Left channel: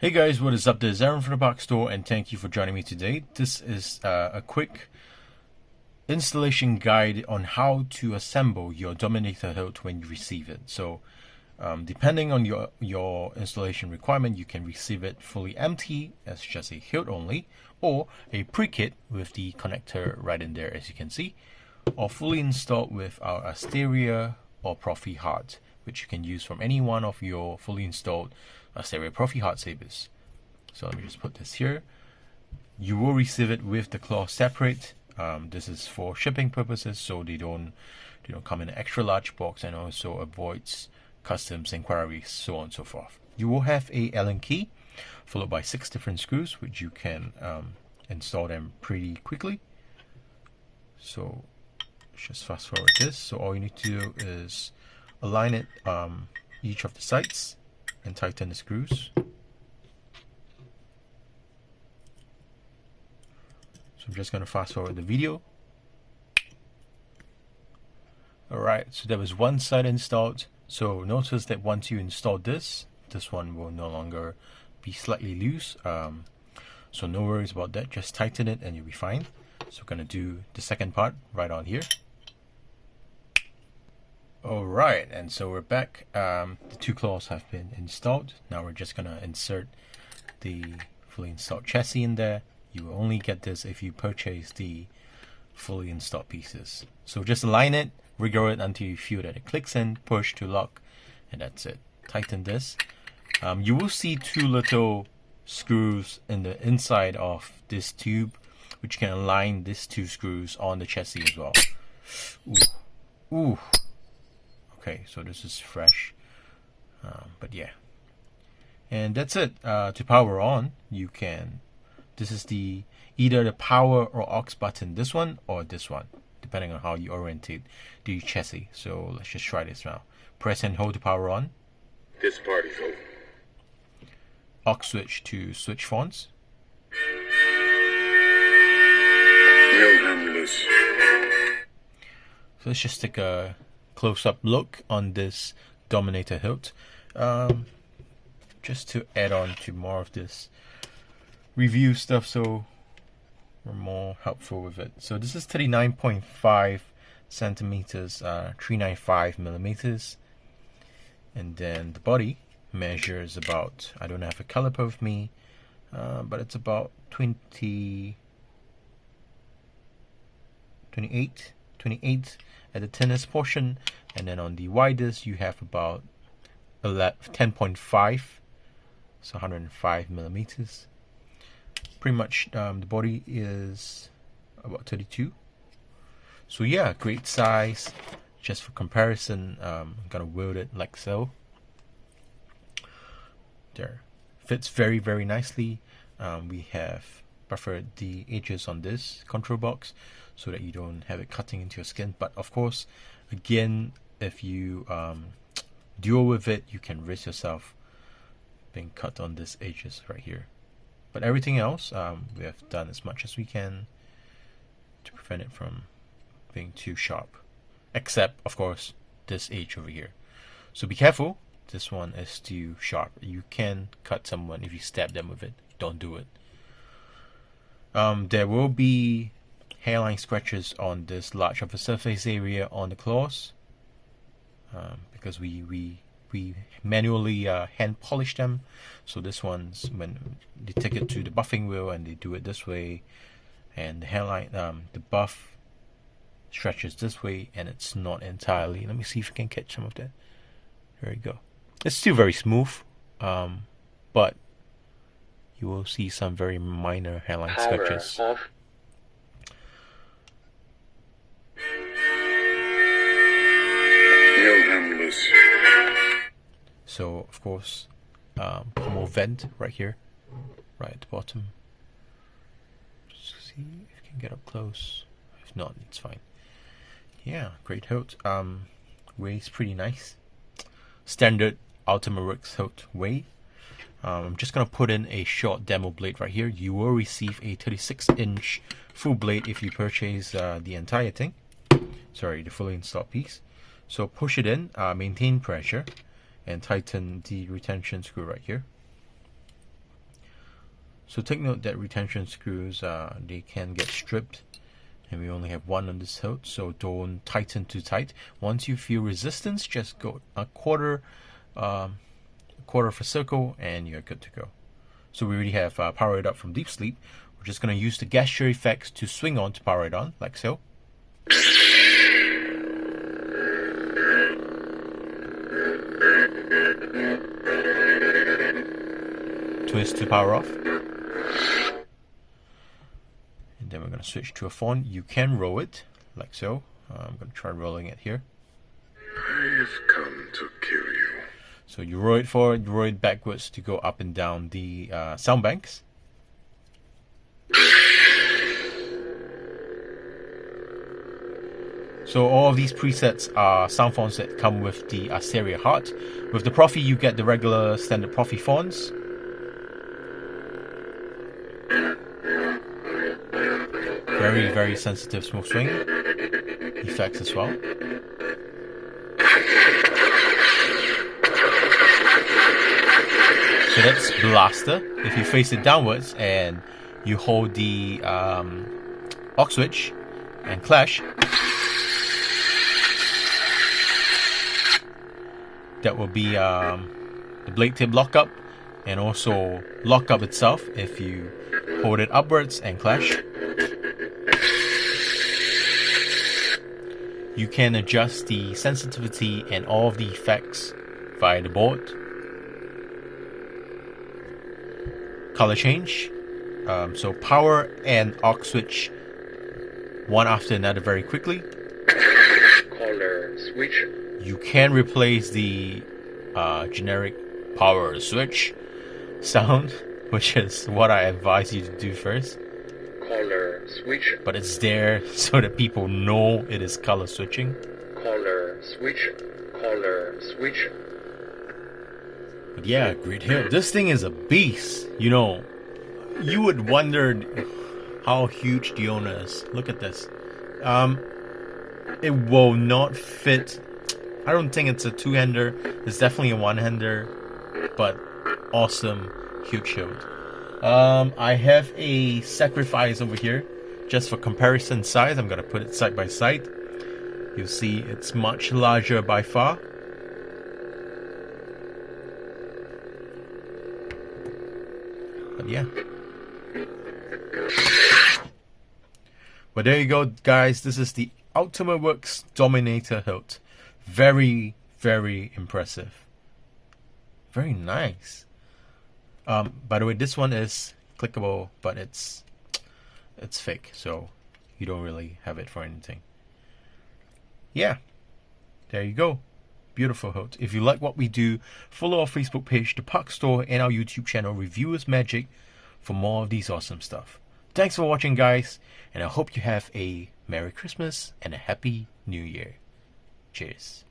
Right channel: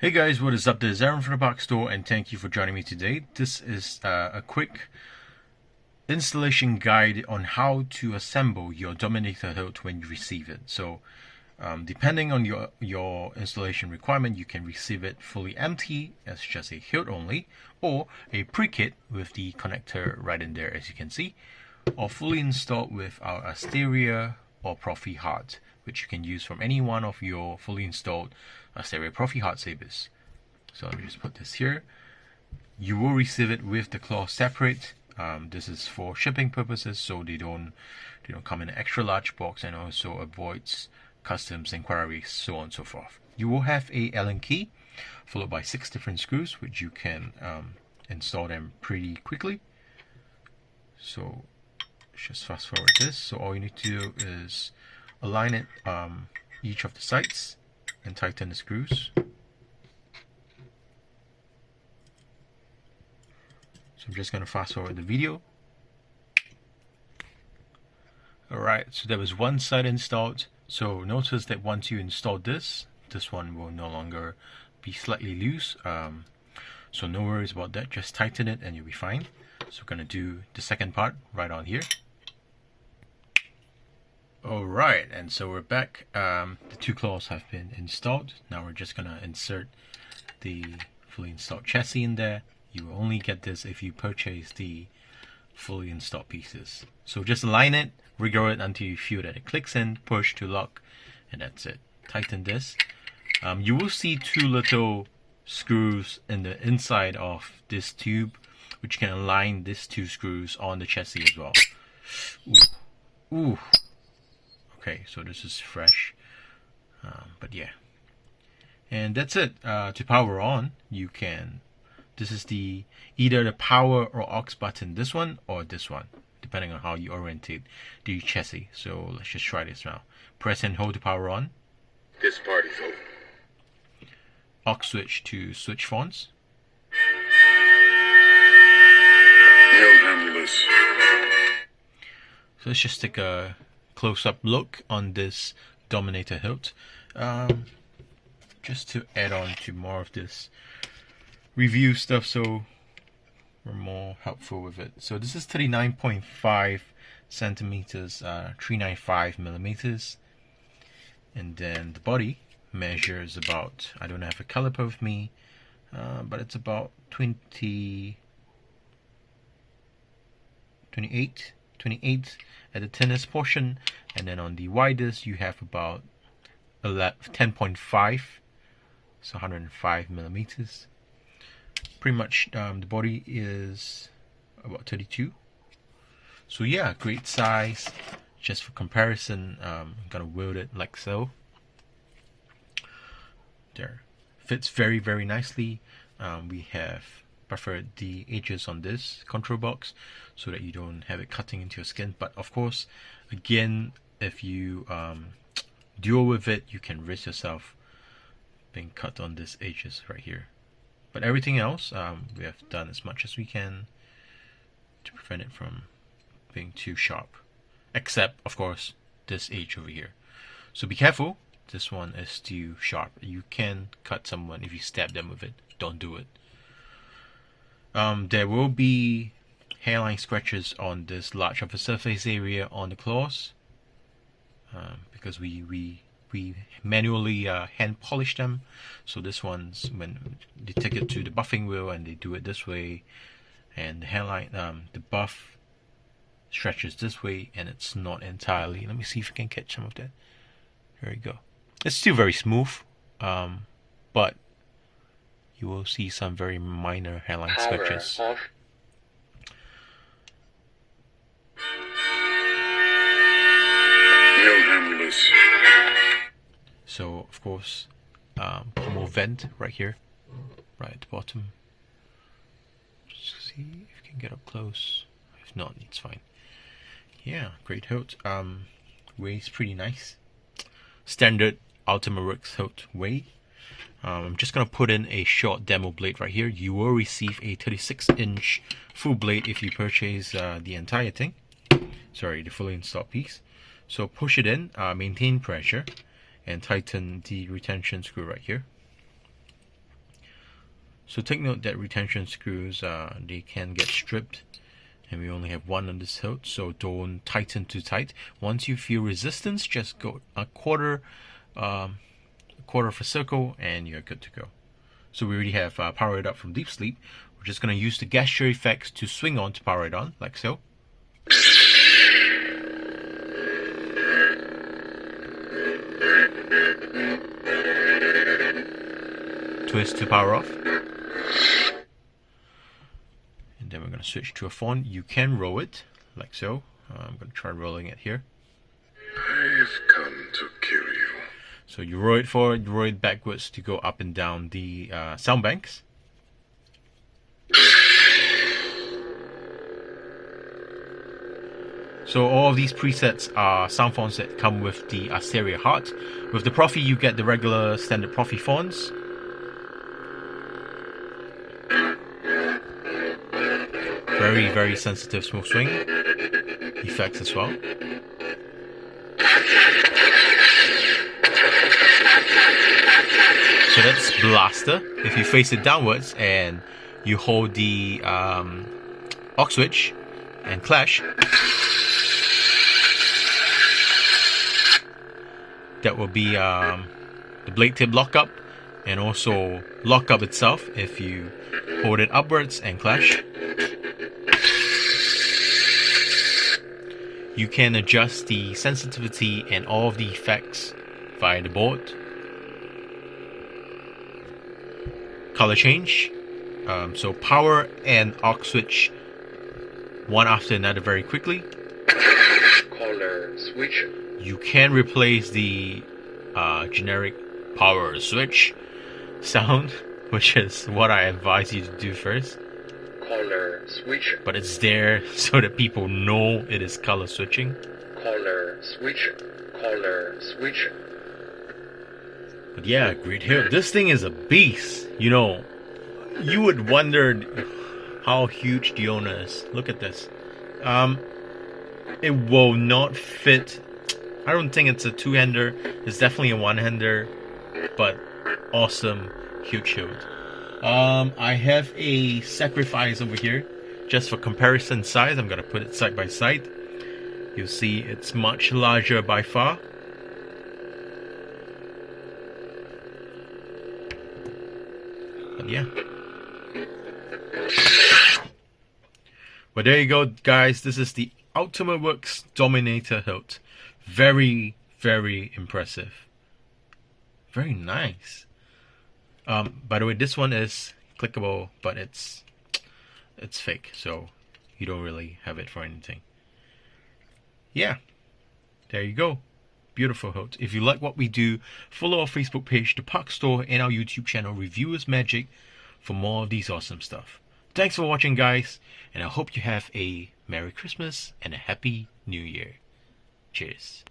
Hey guys, what is up? This is Aaron from the Box Store, and thank you for joining me today. This is a quick installation guide on how to assemble your Dominator hilt when you receive it. So, depending on your installation requirement, you can receive it fully empty as just a hilt only, or a pre-kit with the connector right in there, as you can see, or fully installed with our Asteria or Profi heart, which you can use from any one of your fully installed Asteria Profi heart sabers. So let me just put this here. You will receive it with the claw separate. This is for shipping purposes, so they don't come in an extra large box, and also avoids customs inquiries, so on and so forth. You will have a Allen key followed by 6 different screws, which you can install them pretty quickly. So let's just fast forward this. So all you need to do is align it each of the sides and tighten the screws. So I'm just going to fast forward the video. Alright, so there was one side installed. So notice that once you install this one will no longer be slightly loose. So no worries about that, just tighten it and you'll be fine. So we're going to do the second part right on here. Alright, and so we're back. The 2 claws have been installed. Now we're just going to insert the fully installed chassis in there. You will only get this if you purchase the fully installed pieces. So just align it, wriggle it until you feel that it clicks in, push to lock, and that's it. Tighten this. You will see 2 little screws in the inside of this tube, which can align these 2 screws on the chassis as well. Ooh. Ooh. Okay, so this is fresh, but yeah, and that's it. To power on, you can, this is either the power or aux button, this one or this one, depending on how you orientate the chassis. So let's just try this now. Press and hold to power on. This party's over. Aux switch to switch fonts. No Hamulus. So let's just take a close-up look on this Dominator hilt, just to add on to more of this review stuff, so we're more helpful with it. So this is 39.5 centimeters, 395 millimeters, and then the body measures about, I don't have a caliper with me, but it's about 28 at the thinnest portion, and then on the widest you have about 10.5, so 105 millimeters. Pretty much the body is about 32. So yeah, great size. Just for comparison, I'm gonna wield it like so. There, fits very, very nicely. We have buffered the edges on this control box so that you don't have it cutting into your skin. But of course, again, if you duel with it, you can risk yourself being cut on this edges right here. But everything else, we have done as much as we can to prevent it from being too sharp, except of course this edge over here. So be careful, this one is too sharp. You can cut someone if you stab them with it. Don't do it. There will be hairline scratches on this large of a surface area on the claws, because we manually hand polish them. So this one's, when you take it to the buffing wheel and they do it this way, and the hairline, the buff stretches this way, and it's not entirely, let me see if I can catch some of that. There you go. It's still very smooth, but you will see some very minor hairline scratches. So of course, pommel vent right here, right at the bottom. Just see if you can get up close. If not, it's fine. Yeah, great hilt. Weighs pretty nice. Standard Ultima Works hilt weight. I'm just gonna put in a short demo blade right here. You will receive a 36-inch full blade if you purchase the entire thing. Sorry, the fully installed piece. So push it in, maintain pressure, and tighten the retention screw right here. So take note that retention screws, they can get stripped, and we only have one on this hilt, so don't tighten too tight. Once you feel resistance, just go a quarter of a circle and you're good to go. So we already have powered it up from deep sleep. We're just going to use the gesture effects to swing on to power it on, like so. Twist to power off. And then we're going to switch to a phone. You can roll it, like so. I'm going to try rolling it here. I've come to kill you. So you roll it forward, you roll it backwards to go up and down the sound banks. So all of these presets are sound fonts that come with the Asteria Heart. With the Profi, you get the regular standard Profi fonts. Very, very sensitive smoke swing effects as well. So that's Blaster. If you face it downwards and you hold the aux switch and clash, that will be the blade tip lockup, and also lockup itself if you hold it upwards and clash. You can adjust the sensitivity and all of the effects via the board. Color change. So power and aux switch one after another very quickly. Color switch. You can replace the generic power switch sound, which is what I advise you to do first. Color switch. But it's there so that people know it is color switching. Color switch. Color switch. But yeah, great hilt. This thing is a beast. You know, you would wonder how huge the owner is. Look at this. It will not fit. I don't think it's a two-hander. It's definitely a one-hander, but awesome, huge hilt. I have a sacrifice over here, just for comparison size. I'm gonna put it side by side. You'll see it's much larger by far. But yeah. Well, there you go, guys. This is the Ultimate Works Dominator hilt. Very, very impressive. Very nice. By the way, this one is clickable, but it's fake, so you don't really have it for anything. Yeah, there you go. Beautiful hilt. If you like what we do, follow our Facebook page, The Puck Store, and our YouTube channel, Reviewers Magic, for more of these awesome stuff. Thanks for watching, guys, and I hope you have a Merry Christmas and a Happy New Year. Cheers.